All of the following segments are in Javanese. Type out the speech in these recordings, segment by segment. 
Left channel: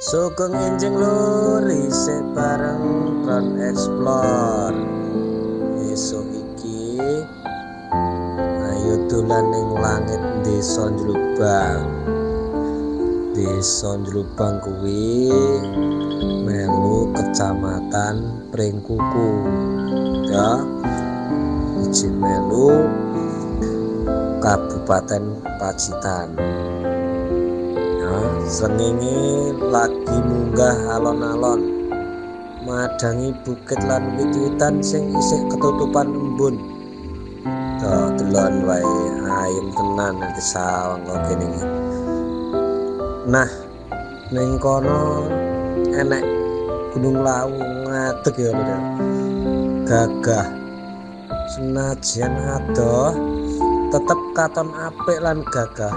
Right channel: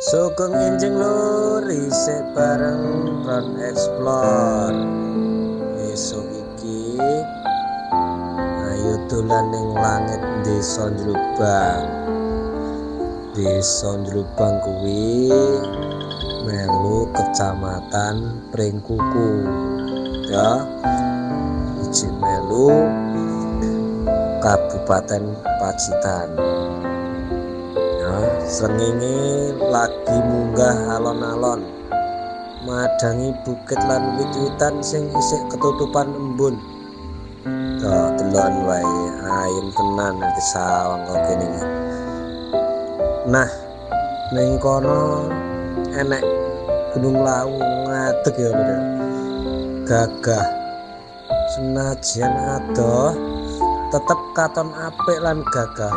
Sugeng enjing lur isih bareng Drone Explore. Esuk iki ayo dolan ning langit Desa Njlubang. Desa Njlubang kuwi melu Kecamatan Pringkuku. Ya, izin melu Kabupaten Pacitan. Ya, srengenge lagi munggah alon-alon madangi bukit lan wit-witan sing isih ketutupan embun. Tuh delon wae ayem tenan nanti sawang kok kene iki. Nah, ning kono enek Gunung Lawu ngadeg ya lho. Gagah. Senajan adoh tetep katon apik lan gagah.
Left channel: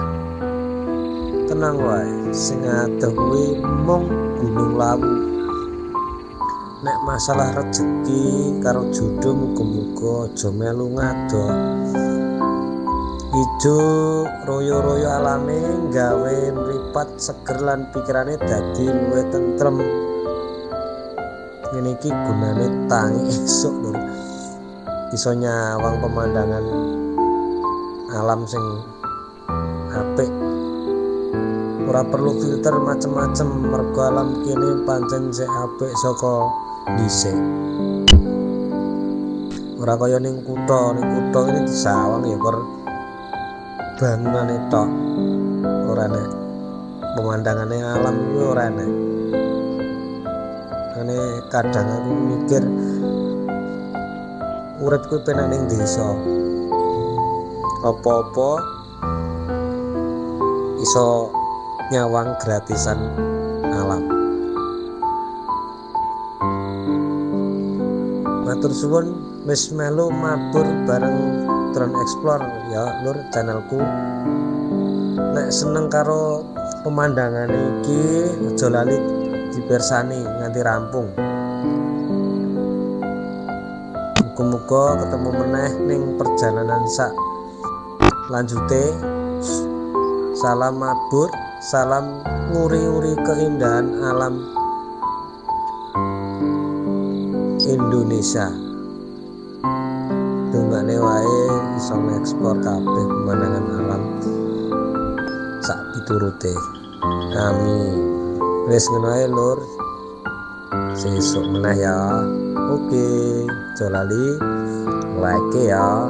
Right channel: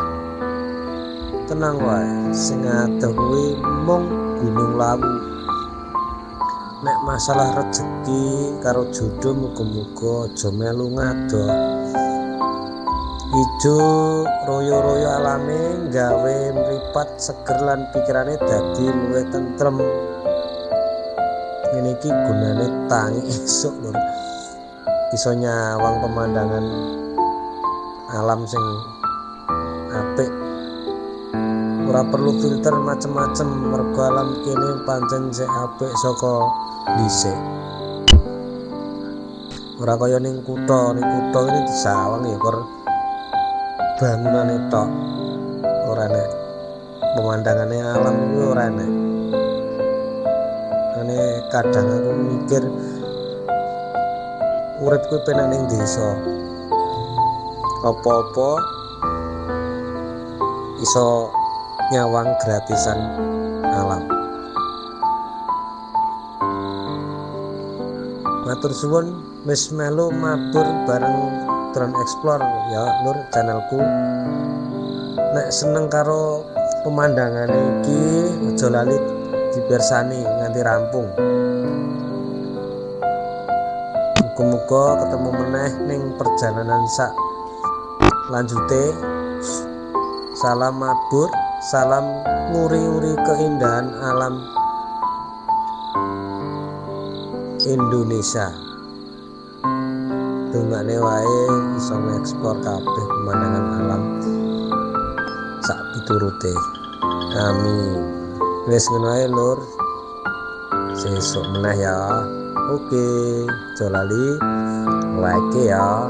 Tenang wae, sing adoh kuwi mung Gunung Lawu. Nek masalah rejeki karo jodoh muga-muga aja melu ngadoh. Ijo royo-royo alame gawe mripat seger lan pikirane dadi luwih tentrem. Ngene iki gunane tangi esuk lur. Iso nyawang pemandangan alam sing apik. Ora perlu filter macem-macem mergo alam kene pancen sik apik saka dhisik. Ora kaya ning kutha ini disawang ya kor bangunane tok. Ora nek pemandangane alam iki ora enek. Ane kadang aku mikir urip kuwi penak ning desa. Apa-apa iso nyawang gratisan alam. Matur suwun wis melu mabur bareng Drone Explore ya lur channelku. Nek seneng karo pemandangane iki aja lali dipirsani nganti rampung. Muga-muga ketemu meneh ning perjalanan sak lanjute. Salam mabur, salam nguri-uri keindahan alam Indonesia. Dongane wae iso ngeksplor kabeh pemandangan alam sak piturute. Amin. Wis ngono ae lur. Sesuk meneh ya. Oke, aja lali like ya.